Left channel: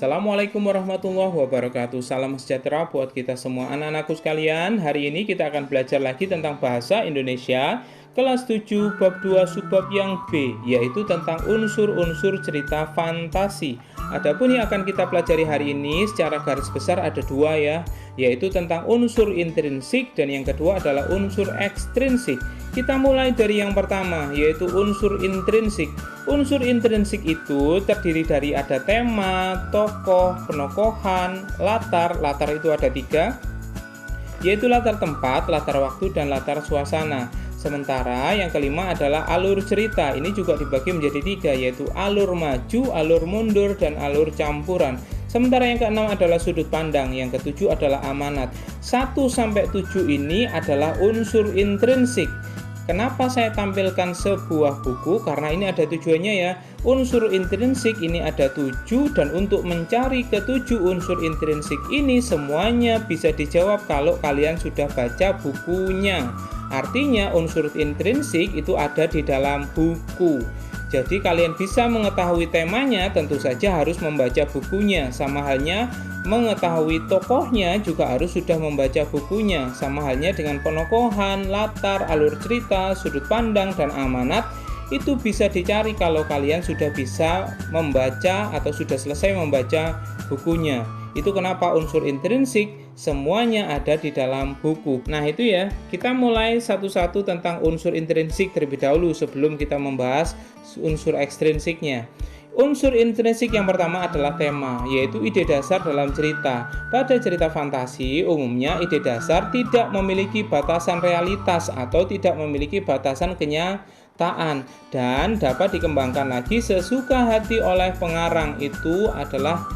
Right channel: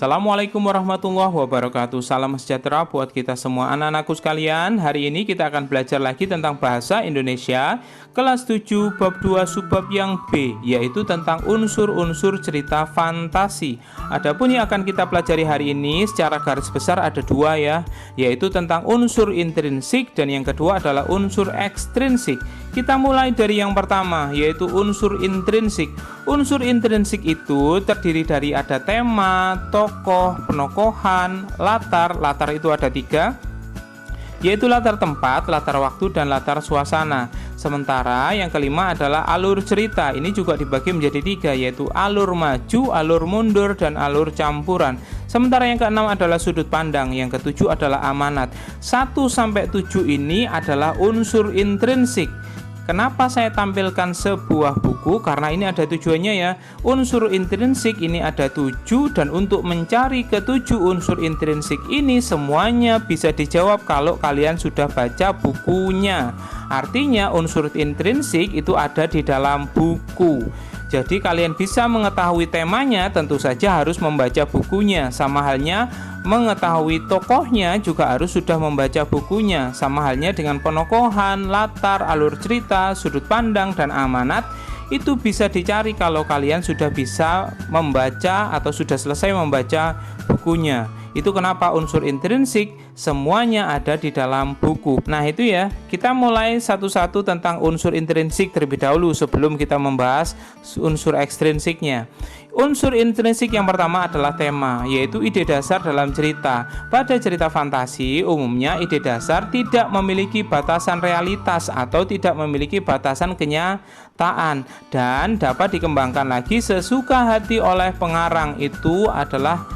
Assalamualaikum warahmatullahi wabarakatuh. Salam sejahtera buat kita semua anak-anakku sekalian. Hari ini kita akan belajar lagi tentang bahasa Indonesia kelas 7 bab 2 subbab yang B, yaitu tentang unsur-unsur cerita fantasi. Adapun yang akan kita pelajari hari ini secara garis besar ada dua ya, yaitu tentang unsur intrinsik dan yang kedua adalah unsur ekstrinsik. Kita mulai dari yang pertama, yaitu unsur intrinsik. Unsur intrinsik itu terdiri dari ada tema, tokoh, penokohan, latar. Latar itu ada tiga, yaitu latar tempat, latar waktu, dan latar suasana. Sementara yang kelima adalah alur cerita. Ini juga dibagi menjadi tiga, yaitu alur maju, alur mundur, dan alur campuran. Sementara yang keenam adalah sudut pandang, yang ketujuh adalah amanat. 1-7 ini adalah unsur intrinsik. Kenapa saya tampilkan sebuah buku? Karena ini ada tujuannya ya. Unsur intrinsik ini ada 7, dan untuk mencari ke-7 unsur intrinsik ini semuanya bisa dijawab kalau kalian sudah baca bukunya. Artinya unsur intrinsik itu ada di dalam buku. Jadi kalian bisa mengetahui temanya, tentu saja harus membaca bukunya. Sama halnya mengetahui tokohnya juga harus sudah membaca bukunya. Sama halnya dengan penokohan, latar, alur cerita, sudut pandang, dan amanat. Itu bisa dicari kalau kalian sudah bisa membaca atau sudah selesai membaca bukunya. Itu kenapa unsur intrinsik semuanya ada di dalam buku. Nah itu ya, kita mulai satu-satu tentang unsur intrinsik terlebih dahulu sebelum kita membahas unsur ekstrinsiknya. Unsur intrinsik yang pertama adalah tema, yaitu ide dasar dalam cerita. Pada cerita fantasi, umumnya ide dasar tidak memiliki batasan realitas atau tidak memiliki batasan kenyataan dan dapat dikembangkan lagi sesuka hati oleh pengarang. Itu adalah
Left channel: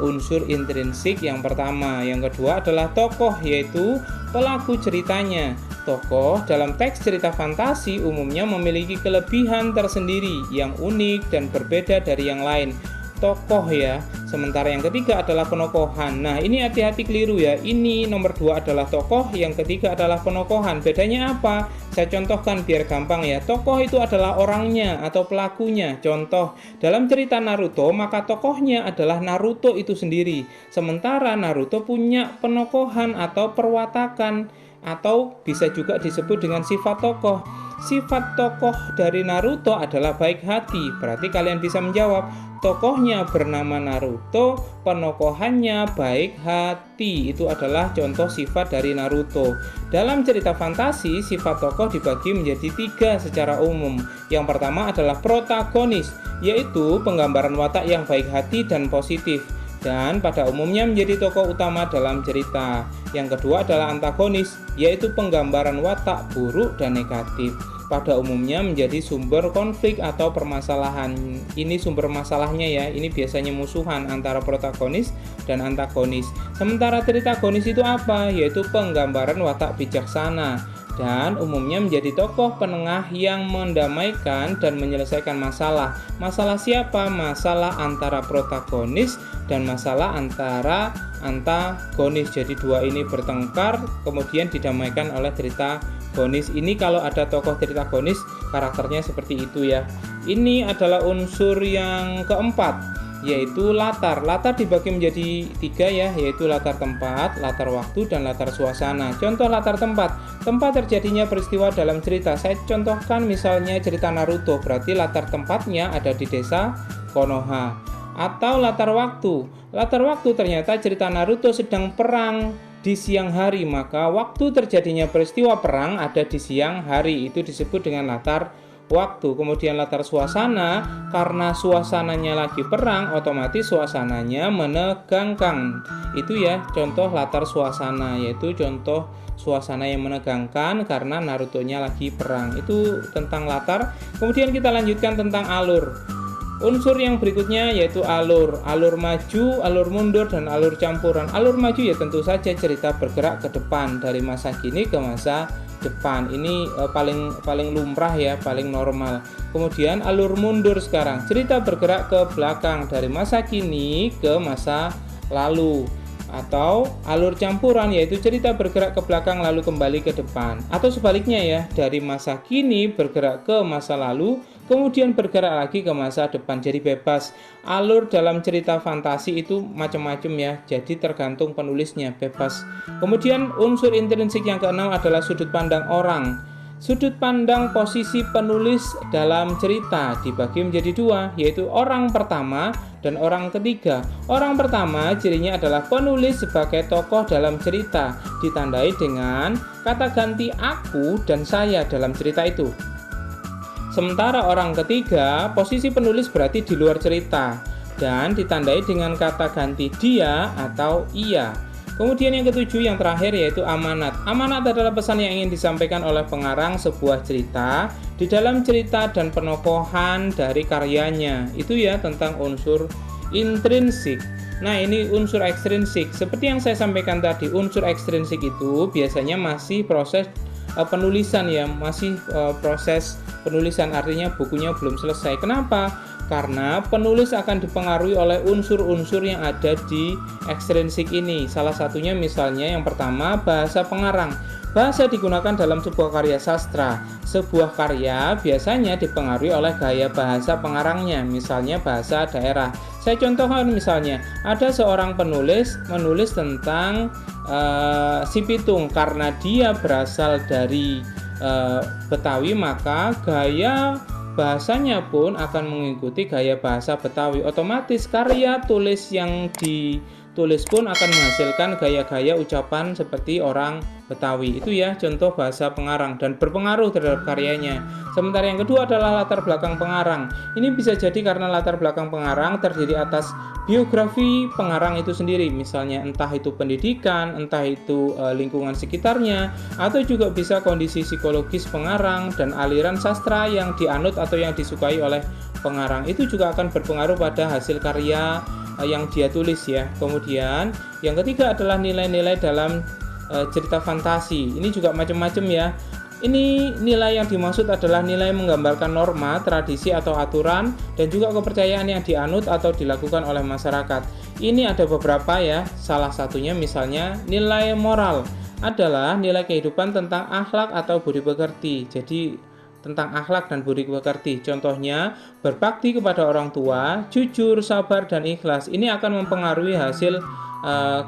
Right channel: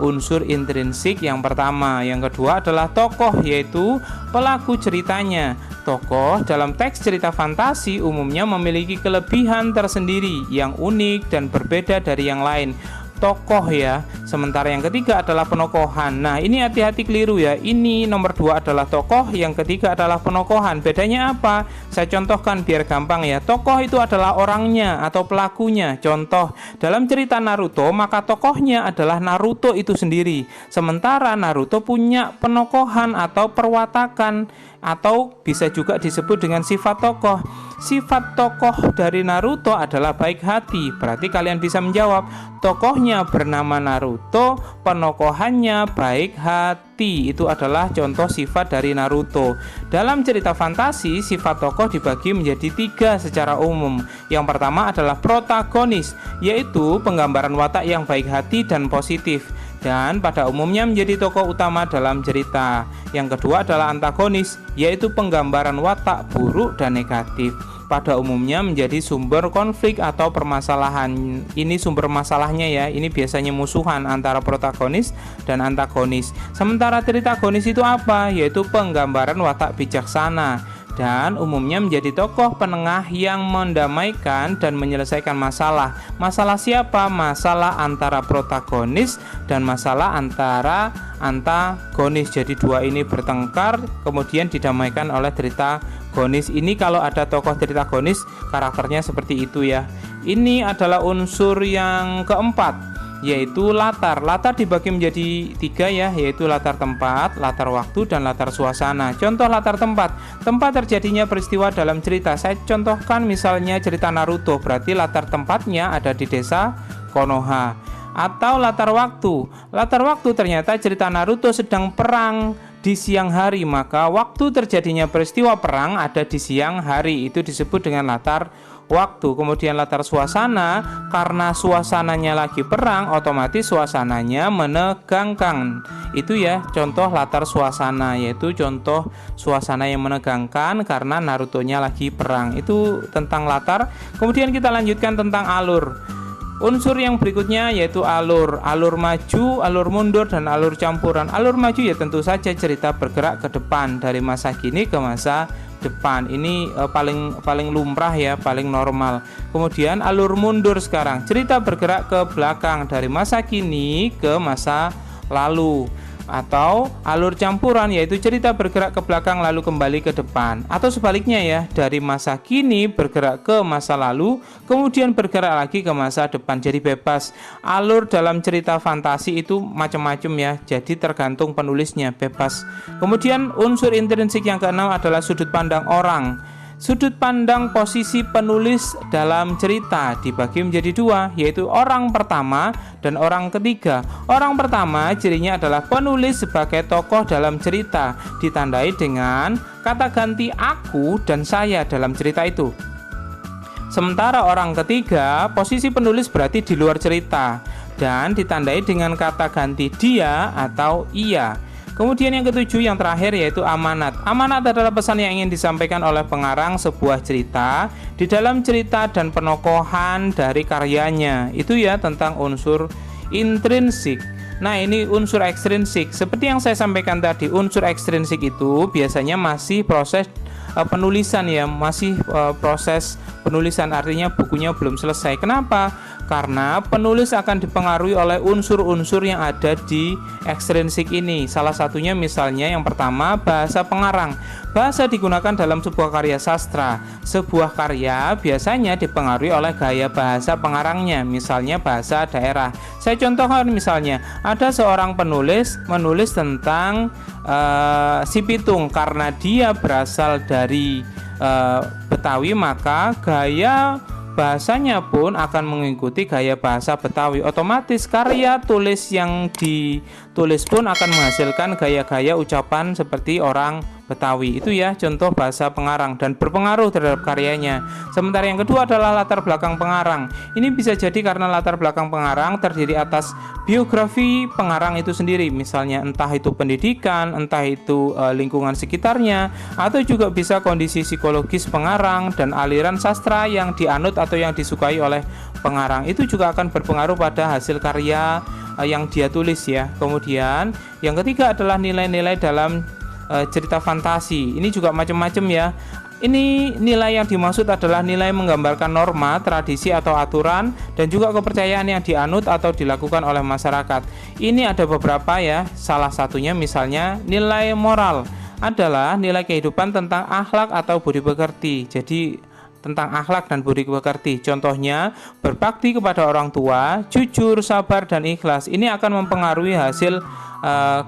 unsur intrinsik yang pertama. Yang kedua adalah tokoh, yaitu pelaku ceritanya. Tokoh dalam teks cerita fantasi umumnya memiliki kelebihan tersendiri yang unik dan berbeda dari yang lain. Tokoh ya. Sementara yang ketiga adalah penokohan. Nah ini hati-hati keliru ya. Ini nomor 2 adalah tokoh, yang ketiga adalah penokohan. Bedanya apa? Saya contohkan biar gampang ya. Tokoh itu adalah orangnya atau pelakunya. Contoh, dalam cerita Naruto maka tokohnya adalah Naruto itu sendiri. Sementara Naruto punya penokohan atau perwatakan, atau bisa juga disebut dengan sifat tokoh. Sifat tokoh dari Naruto adalah baik hati. Berarti kalian bisa menjawab, tokohnya bernama Naruto, penokohannya baik hati. Itu adalah contoh sifat dari Naruto. Dalam cerita fantasi, sifat tokoh dibagi menjadi 3 secara umum. Yang pertama adalah protagonis, yaitu penggambaran watak yang baik hati dan positif, dan pada umumnya menjadi tokoh utama dalam cerita. Yang kedua adalah antagonis, yaitu penggambaran watak buruk dan negatif. Pada umumnya menjadi sumber konflik atau permasalahan. Ini sumber masalahnya ya, ini biasanya musuhan antara protagonis dan antagonis. Sementara tritagonis itu apa? Yaitu penggambaran watak bijaksana, dan umumnya menjadi tokoh penengah yang mendamaikan dan menyelesaikan masalah. Masalah siapa? Masalah antara protagonis dan masalah antara antagonis. Jadi dua ini bertengkar kemudian didamaikan oleh tritagonis. Ini kalau ada tokoh tritagonis karakternya seperti itu ya. Ini adalah unsur yang keempat, yaitu latar. Latar dibagi menjadi 3 ya, yaitu latar tempat, latar waktu, dan latar suasana. Contoh latar tempat. Tempat terjadinya peristiwa dalam cerita. Saya contohkan misalnya cerita Naruto, berarti latar tempatnya ada di desa Konoha. Atau latar waktu. Latar waktu ternyata cerita Naruto sedang perang di siang hari, maka waktu terjadinya peristiwa perang ada di siang hari. Itu disebut dengan latar waktu. Kemudian latar suasana, karena suasananya lagi perang, otomatis suasananya menegangkan. Itu ya contoh latar suasana, yaitu contoh suasana yang menegangkan karena Naruto-nya lagi perang. Itu tentang latar. Kemudian kita lanjutkan tentang alur. Unsur yang berikutnya yaitu alur. Alur maju, alur mundur, dan alur campuran. Alur maju ya tentu saja cerita bergerak ke depan dari masa kini ke masa depan. Ini paling lumrah ya, paling normal. Kemudian alur mundur sekarang, cerita bergerak ke belakang dari masa kini ke masa lalu. Atau alur campuran, yaitu cerita bergerak ke belakang lalu kembali ke depan. Atau sebaliknya ya, dari masa kini bergerak ke masa lalu, kemudian bergerak lagi ke masa depan. Jadi bebas. Alur dalam cerita fantasi itu macam-macam ya, jadi tergantung penulisnya, bebas. Kemudian unsur intrinsik yang keenam adalah sudut pandang orang. Sudut pandang posisi penulis dalam cerita dibagi menjadi dua, yaitu orang pertama dan orang ketiga. Orang pertama cirinya adalah penulis sebagai tokoh dalam cerita, ditandai dengan kata ganti aku dan saya dalam cerita itu. Sementara orang ketiga, posisi penulis berarti di luar cerita dan ditandai dengan kata ganti dia atau ia. Kemudian yang ketujuh, yang terakhir, yaitu amanat. Amanat adalah pesan yang ingin disampaikan oleh pengarang sebuah cerita di dalam cerita dan penokohan dari karyanya. Itu ya tentang unsur intrinsik. Nah, ini unsur ekstrinsik. Seperti yang saya sampaikan tadi, unsur ekstrinsik itu biasanya masih proses penulisan ya, masih proses penulisan, artinya bukunya belum selesai. Kenapa? Karena penulis akan dipengaruhi oleh unsur-unsur yang ada di ekstrinsik ini. Salah satunya misalnya yang pertama, bahasa pengarang. Bahasa digunakan dalam sebuah karya sastra. Sebuah karya biasanya dipengaruhi oleh gaya bahasa pengarangnya, misalnya bahasa daerah. Saya contohkan misalnya, ada seorang penulis menulis tentang Si Pitung. Karena dia berasal dari Betawi, maka gaya bahasanya pun akan mengikuti gaya bahasa Betawi. Otomatis karya tulis yang ditulis pun akan menghasilkan gaya-gaya ucapan seperti orang Betawi. Itu ya contoh bahasa pengarang dan berpengaruh terhadap karyanya. Sementara yang kedua adalah latar belakang pengarang. Ini bisa jadi karena latar belakang pengarang terdiri atas biografi pengarang itu sendiri, misalnya entah itu pendidikan, entah itu lingkungan sekitarnya, atau juga bisa kondisi psikologis pengarang dan aliran sastra yang dianut atau yang disukai oleh pengarang. Itu juga akan berpengaruh pada hasil karya yang dia tulis ya. Kemudian yang ketiga adalah nilai-nilai dalam cerita fantasi. Ini juga macam-macam ya. Ini nilai yang dimaksud adalah nilai menggambarkan norma, tradisi atau aturan, dan juga kepercayaan yang dianut atau dilakukan oleh masyarakat. Ini ada beberapa ya. Salah satunya misalnya nilai moral adalah nilai kehidupan tentang akhlak atau budi pekerti. Jadi tentang akhlak dan budi pekerti. Contohnya berbakti kepada orang tua, jujur, sabar, dan ikhlas. Ini akan mempengaruhi hasil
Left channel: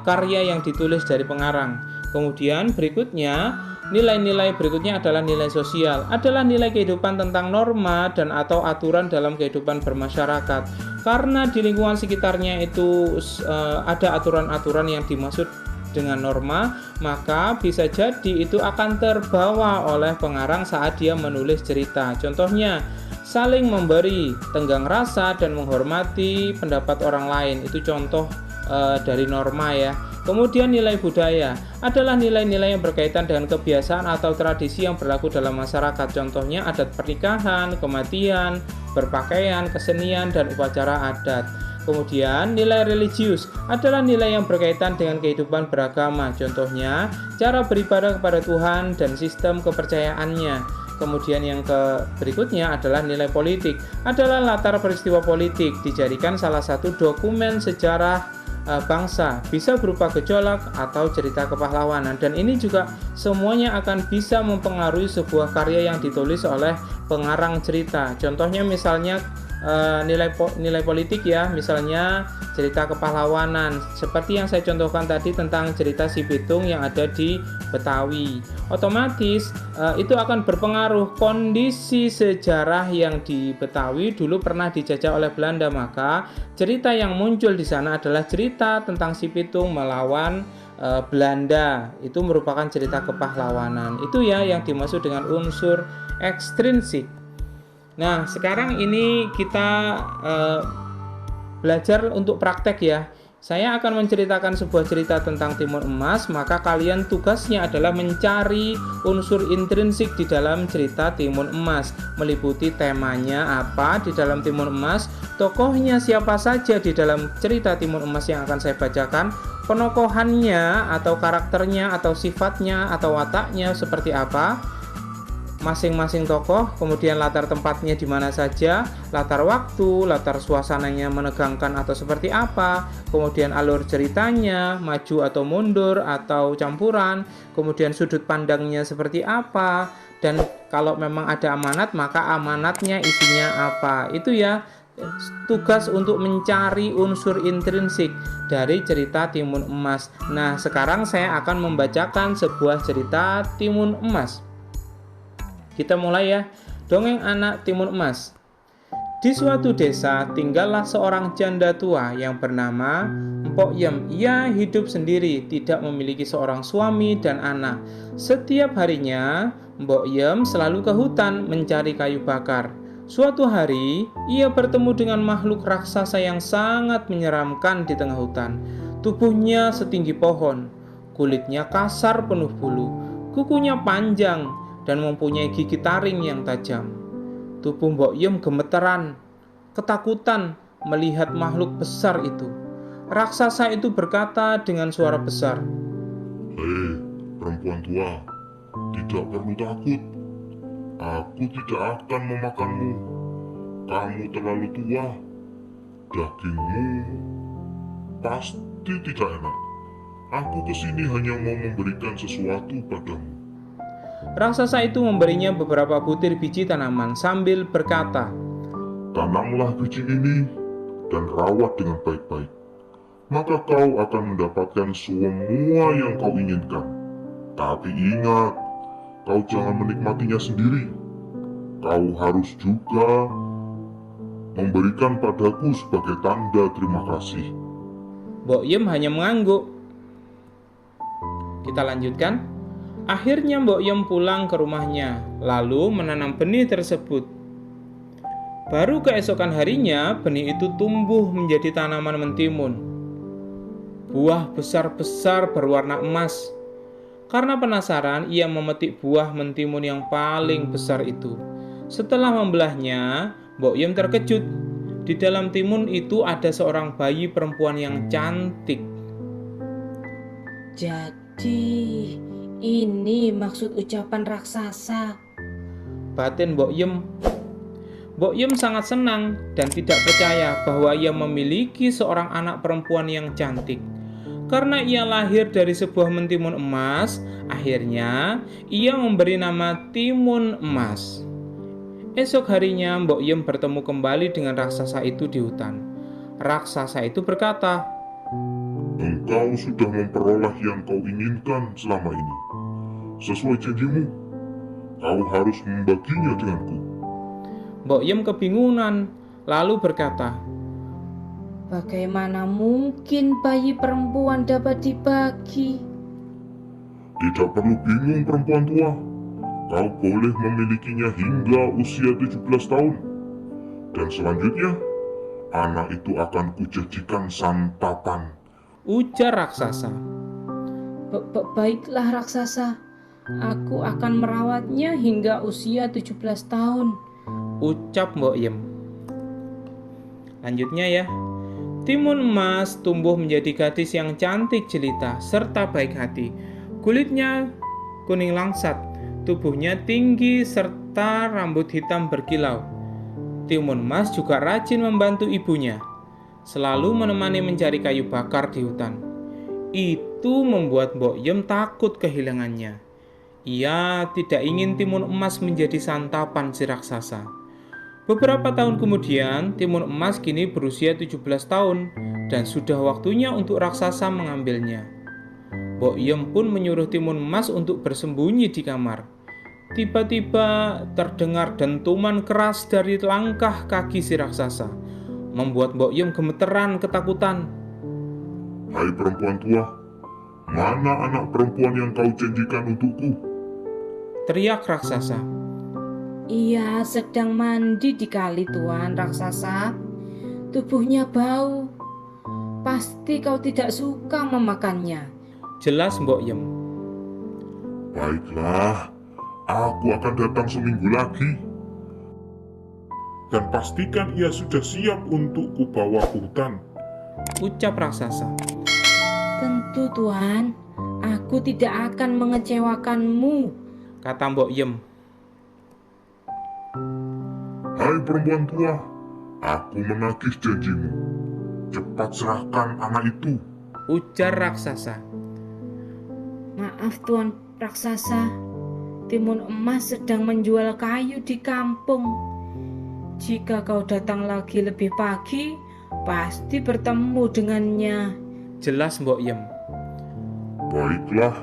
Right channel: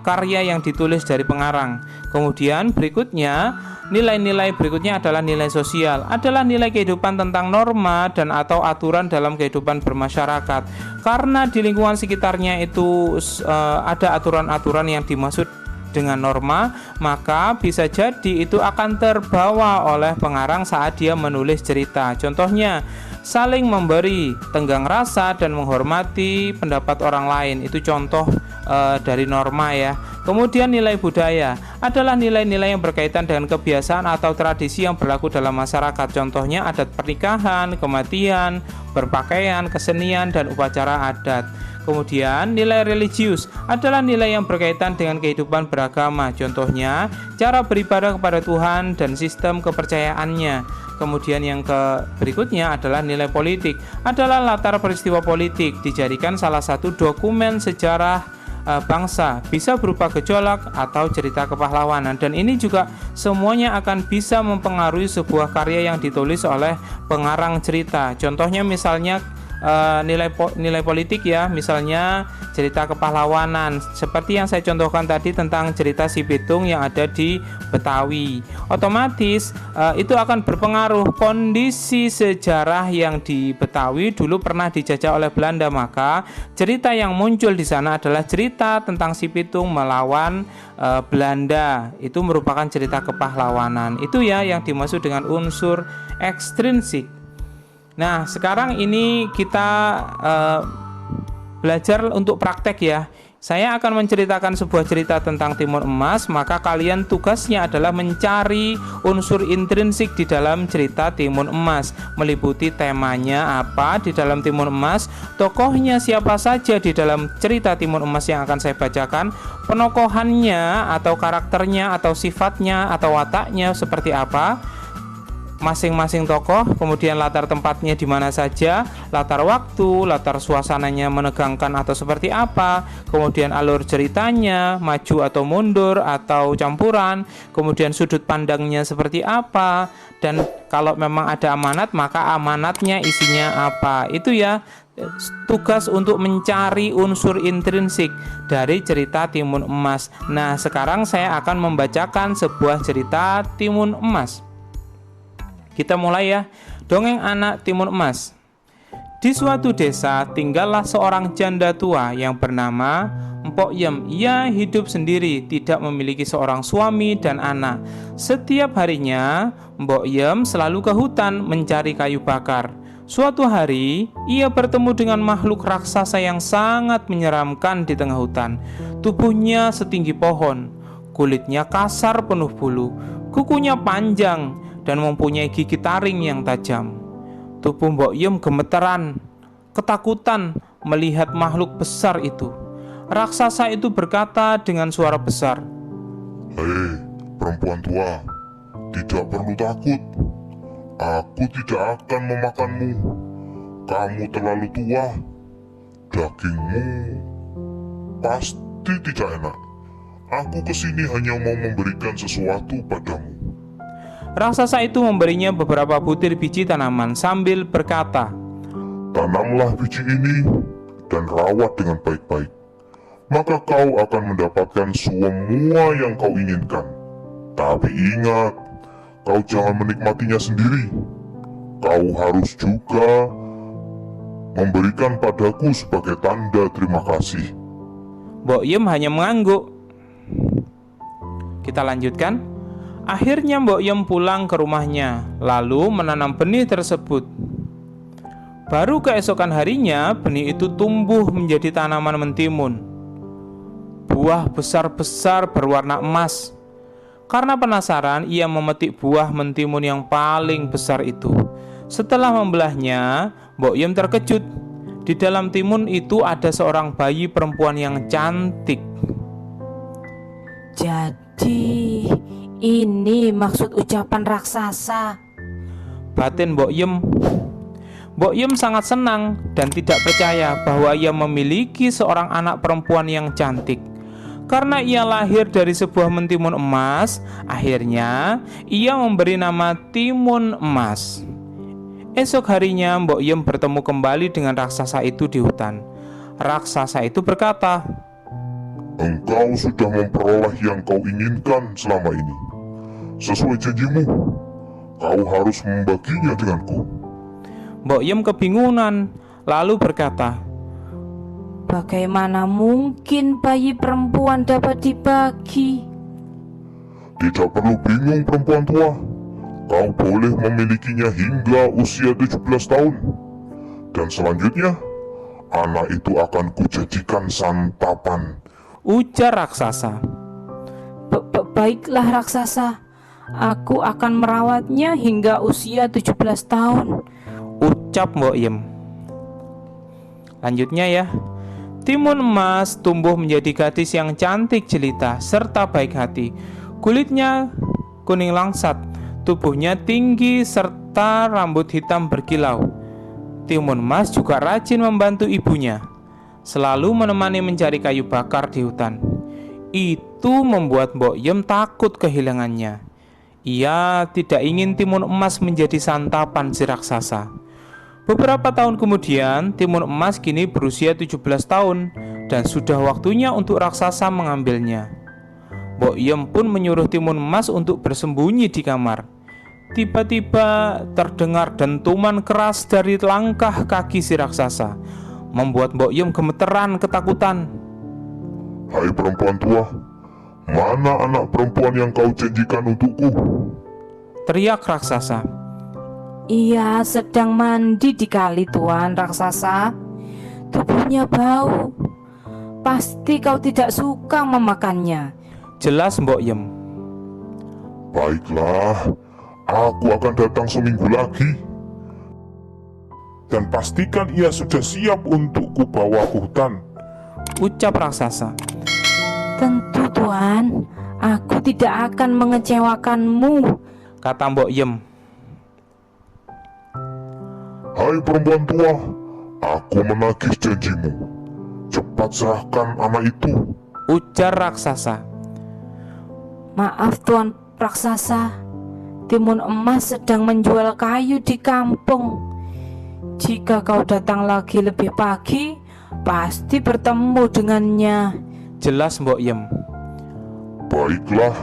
karya yang ditulis dari pengarang. Kemudian berikutnya, nilai-nilai berikutnya adalah nilai sosial, adalah nilai kehidupan tentang norma dan atau aturan dalam kehidupan bermasyarakat. Karena di lingkungan sekitarnya itu ada aturan-aturan yang dimaksud dengan norma, maka bisa jadi itu akan terbawa oleh pengarang saat dia menulis cerita. Contohnya, saling memberi, tenggang rasa, dan menghormati pendapat orang lain. Itu contoh dari norma ya. Kemudian nilai budaya adalah nilai-nilai yang berkaitan dengan kebiasaan atau tradisi yang berlaku dalam masyarakat. Contohnya adat pernikahan, kematian, berpakaian, kesenian, dan upacara adat. Kemudian nilai religius adalah nilai yang berkaitan dengan kehidupan beragama. Contohnya cara beribadah kepada Tuhan dan sistem kepercayaannya. Kemudian yang berikutnya adalah nilai politik, adalah latar peristiwa politik, dijadikan salah satu dokumen sejarah bangsa, bisa berupa gejolak atau cerita kepahlawanan, dan ini juga semuanya akan bisa mempengaruhi sebuah karya yang ditulis oleh pengarang cerita. Contohnya misalnya nilai politik ya, misalnya cerita kepahlawanan seperti yang saya contohkan tadi tentang cerita Si Pitung yang ada di Betawi. Otomatis itu akan berpengaruh kondisi sejarah yang di Betawi dulu pernah dijajah oleh Belanda, maka cerita yang muncul di sana adalah cerita tentang Si Pitung melawan Belanda. Itu merupakan cerita kepahlawanan. Itu ya yang dimaksud dengan unsur ekstrinsik. Nah, sekarang ini kita belajar untuk praktek ya. Saya akan menceritakan sebuah cerita tentang Timun Emas, maka kalian tugasnya adalah mencari unsur intrinsik di dalam cerita Timun Emas, meliputi temanya apa di dalam Timun Emas, tokohnya siapa saja di dalam cerita Timun Emas yang akan saya bacakan, penokohannya atau karakternya atau sifatnya atau wataknya seperti apa, masing-masing tokoh, kemudian latar tempatnya di mana saja, latar waktu, latar suasananya menegangkan atau seperti apa, kemudian alur ceritanya, maju atau mundur atau campuran, kemudian sudut pandangnya seperti apa, dan kalau memang ada amanat, maka amanatnya isinya apa. Itu ya tugas untuk mencari unsur intrinsik dari cerita Timun Emas. Nah, sekarang saya akan membacakan sebuah cerita Timun Emas. Kita mulai ya. Dongeng anak Timun Emas. Di suatu desa tinggallah seorang janda tua yang bernama Mpok Yem. Ia hidup sendiri, tidak memiliki seorang suami dan anak. Setiap harinya Mpok Yem selalu ke hutan mencari kayu bakar. Suatu hari ia bertemu dengan makhluk raksasa yang sangat menyeramkan di tengah hutan. Tubuhnya setinggi pohon, kulitnya kasar penuh bulu, kukunya panjang dan mempunyai gigi taring yang tajam. Tubuh Mbok Yem gemeteran, ketakutan melihat makhluk besar itu. Raksasa itu berkata dengan suara besar, "Hei, perempuan tua, tidak perlu takut. Aku tidak akan memakanmu. Kamu terlalu tua. Dagingmu pasti tidak enak. Aku kesini hanya mau memberikan sesuatu padamu." Raksasa itu memberinya beberapa butir biji tanaman sambil berkata, "Tanamlah biji ini dan rawat dengan baik-baik. Maka kau akan mendapatkan semua yang kau inginkan. Tapi ingat, kau jangan menikmatinya sendiri. Kau harus juga memberikan padaku sebagai tanda terima kasih." Mbok Yem hanya mengangguk. Kita lanjutkan. Akhirnya Mbok Yem pulang ke rumahnya, lalu menanam benih tersebut. Baru keesokan harinya, benih itu tumbuh menjadi tanaman mentimun. Buah besar-besar berwarna emas. Karena penasaran, ia memetik buah mentimun yang paling besar itu. Setelah membelahnya, Mbok Yem terkejut. Di dalam timun itu ada seorang bayi perempuan yang cantik. Jadi, ini maksud ucapan raksasa. Batin Mbok Yem. Mbok Yem sangat senang dan tidak percaya bahwa ia memiliki seorang anak perempuan yang cantik. Karena ia lahir dari sebuah mentimun emas, akhirnya ia memberi nama Timun Emas. Esok harinya Mbok Yem bertemu kembali dengan raksasa itu di hutan. Raksasa itu berkata, Engkau sudah memperoleh yang kau inginkan selama ini. Sesuai janjimu, kau harus membaginya denganku. Mbok Yem kebingungan, lalu berkata, Bagaimana mungkin bayi perempuan dapat dibagi? Tidak perlu bingung perempuan tua. Kau boleh memilikinya hingga usia 17 tahun. Dan selanjutnya, anak itu akan kujadikan santapan. ujar raksasa. Baiklah raksasa, aku akan merawatnya hingga usia 17 tahun. Ucap Mbok Yem. Lanjutnya ya. Timun Emas tumbuh menjadi gadis yang cantik jelita serta baik hati. Kulitnya kuning langsat, tubuhnya tinggi serta rambut hitam berkilau. Timun Emas juga rajin membantu ibunya, selalu menemani mencari kayu bakar di hutan. Itu membuat Mbok Yem takut kehilangannya. Ia tidak ingin Timun Emas menjadi santapan si raksasa. Beberapa tahun kemudian, Timun Emas kini berusia 17 tahun dan sudah waktunya untuk raksasa mengambilnya. Mbok Yem pun menyuruh Timun Emas untuk bersembunyi di kamar. Tiba-tiba terdengar dentuman keras dari langkah kaki si raksasa, membuat Mbok Yem gemeteran ketakutan. Hai perempuan tua, mana anak perempuan yang kau janjikan untukku? Teriak raksasa. Ia sedang mandi di kali, Tuan raksasa. Tubuhnya bau. Pasti kau tidak suka memakannya. Jelas Mbok Yem. Baiklah, aku akan datang seminggu lagi. Dan pastikan ia sudah siap untuk kubawa ke hutan. Ucap raksasa. Tentu Tuan, aku tidak akan mengecewakanmu. Kata Mbok Yem. Hai perempuan tua, aku menagih janjimu. Cepat serahkan anak itu, ujar raksasa. Maaf Tuan Raksasa, Timun Emas sedang menjual kayu di kampung. Jika kau datang lagi lebih pagi, pasti bertemu dengannya, Jelas Mbok Yem. Baiklah,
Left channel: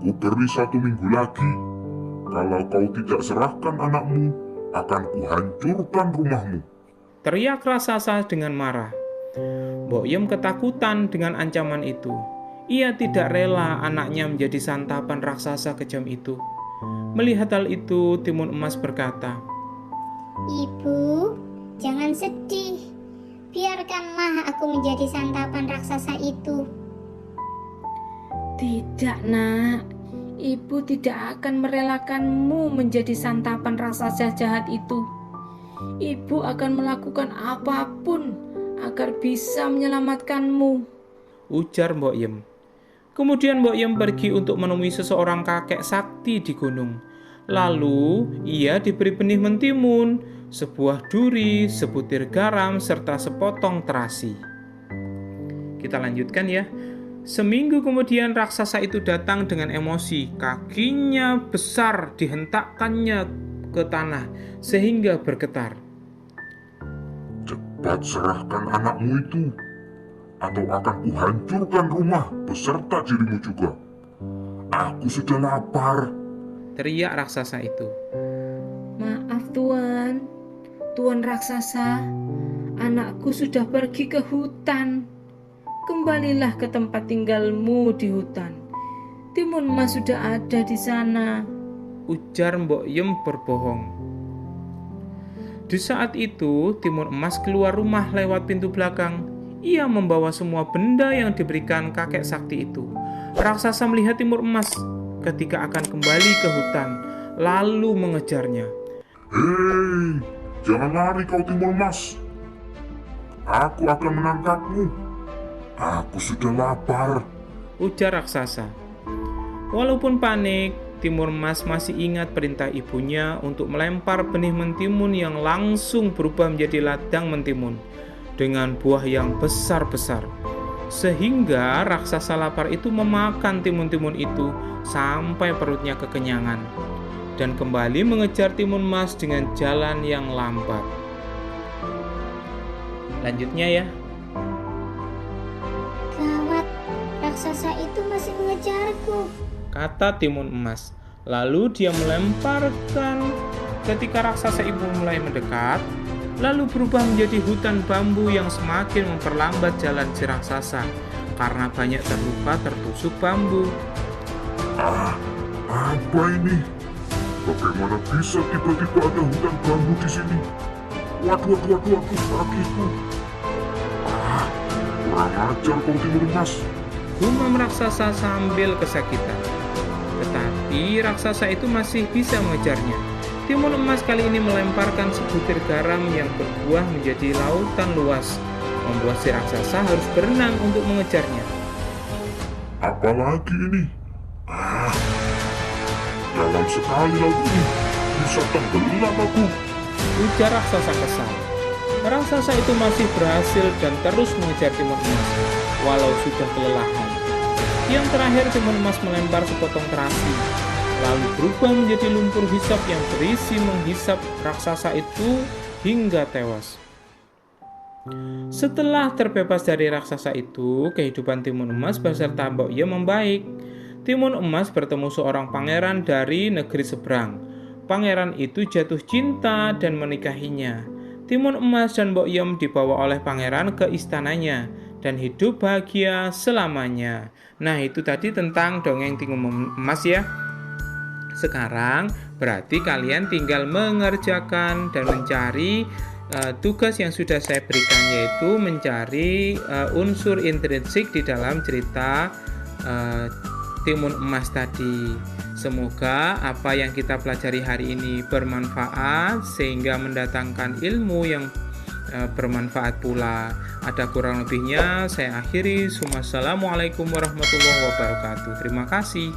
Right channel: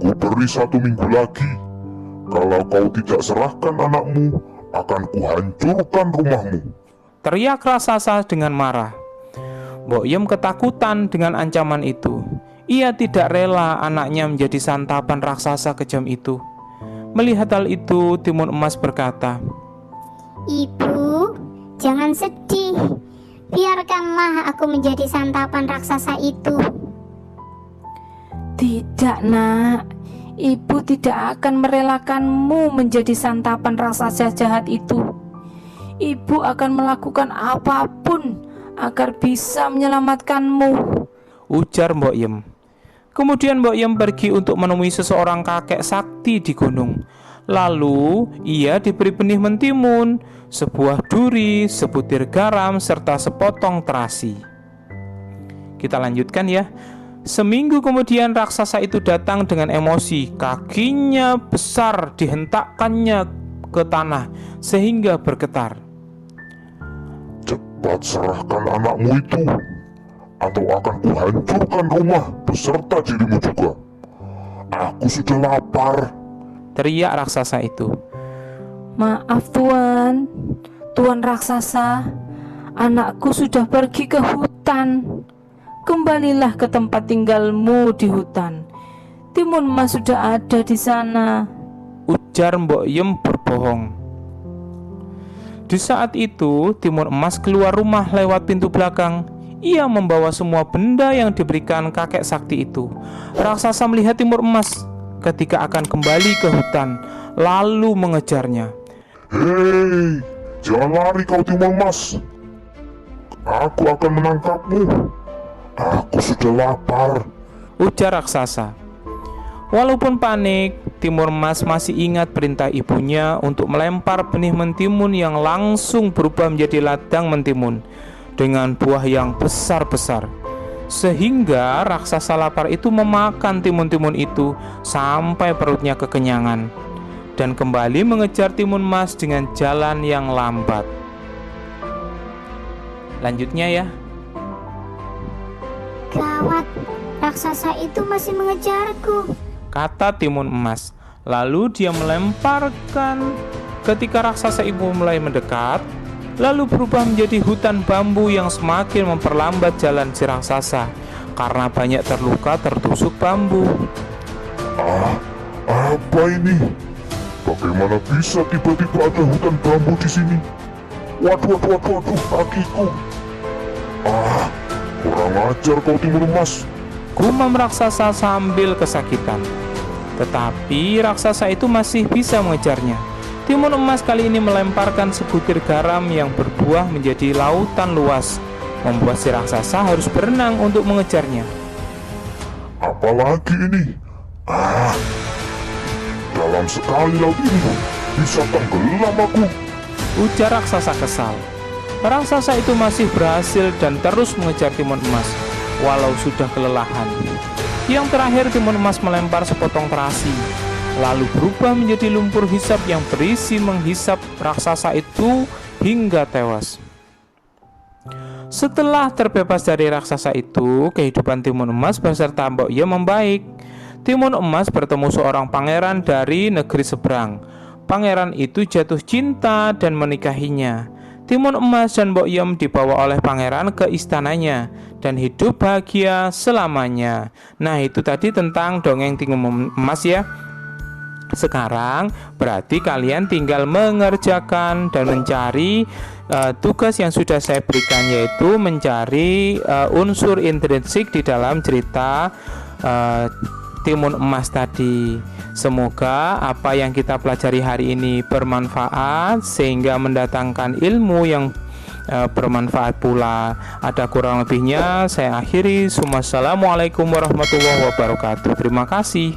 ku beri 1 minggu lagi. Kalau kau tidak serahkan anakmu, akan kuhancurkan rumahmu. Teriak raksasa dengan marah. Mbok Yem ketakutan dengan ancaman itu. Ia tidak rela anaknya menjadi santapan raksasa kejam itu. Melihat hal itu, Timun Emas berkata, Ibu, jangan sedih. Biarkanlah aku menjadi santapan raksasa itu. Tidak nak, ibu tidak akan merelakanmu menjadi santapan raksasa jahat itu. Ibu akan melakukan apapun agar bisa menyelamatkanmu, ujar Mbok Yem. Kemudian Mbok Yem pergi untuk menemui seseorang kakek sakti di gunung. Lalu ia diberi benih mentimun, sebuah duri, sebutir garam, serta sepotong terasi. Kita lanjutkan ya. Seminggu kemudian raksasa itu datang dengan emosi. Kakinya besar dihentakkannya ke tanah sehingga bergetar. Cepat serahkan anakmu itu, atau akan kuhancurkan rumah beserta dirimu juga. Aku sudah lapar. Teriak raksasa itu. Maaf Tuan, Tuan Raksasa, anakku sudah pergi ke hutan. Kembalilah ke tempat tinggalmu di hutan. Timun Emas sudah ada di sana, ujar Mbok Yem berbohong. Di saat itu Timun Emas keluar rumah lewat pintu belakang. Ia membawa semua benda yang diberikan kakek sakti itu. Raksasa melihat Timun Emas ketika akan kembali ke hutan, lalu mengejarnya. Hei, jangan lari kau Timun Emas. Aku akan menangkapmu. Aku sudah lapar, ujar raksasa. Walaupun panik, Timun Emas masih ingat perintah ibunya untuk melempar benih mentimun yang langsung berubah menjadi ladang mentimun dengan buah yang besar-besar. Sehingga raksasa lapar itu memakan timun-timun itu sampai perutnya kekenyangan dan kembali mengejar Timun Emas dengan jalan yang lambat. Lanjutnya ya. Gawat, raksasa itu masih mengejarku. Kata Timun Emas. Lalu dia melemparkan. Ketika raksasa itu mulai mendekat, lalu berubah menjadi hutan bambu yang semakin memperlambat jalan si raksasa karena banyak terluka tertusuk bambu. Apa ini? Bagaimana bisa tiba-tiba ada hutan bambu di sini? Waduh, kakiku. Kurang ajar kau Timun Emas. Gumam raksasa sambil kesakitan. Tetapi raksasa itu masih bisa mengejarnya. Timun Emas kali ini melemparkan sebutir garam yang berbuah menjadi lautan luas, membuat si raksasa harus berenang untuk mengejarnya. Apalagi ini? Dalam sekali laut ini bisa tenggelam aku. Ujar raksasa kesal. Raksasa itu masih berhasil dan terus mengejar Timun Emas, walau sudah kelelahan. Yang terakhir Timun Emas melempar sepotong terasi, lalu berubah menjadi lumpur hisap yang berisi menghisap raksasa itu hingga tewas. Setelah terbebas dari raksasa itu, kehidupan Timun Emas beserta Mbok Yem membaik. Timun Emas bertemu seorang pangeran dari negeri seberang. Pangeran itu jatuh cinta dan menikahinya. Timun Emas dan Mbok Yem dibawa oleh pangeran ke istananya dan hidup bahagia selamanya. Nah, itu tadi tentang dongeng Timun Emas ya. Sekarang berarti kalian tinggal mengerjakan dan mencari tugas yang sudah saya berikan, yaitu mencari unsur intrinsik di dalam cerita Timun Emas tadi. Semoga apa yang kita pelajari hari ini bermanfaat sehingga mendatangkan ilmu yang bermanfaat pula. Ada kurang lebihnya saya akhiri. Wassalamualaikum warahmatullahi wabarakatuh. Terima kasih.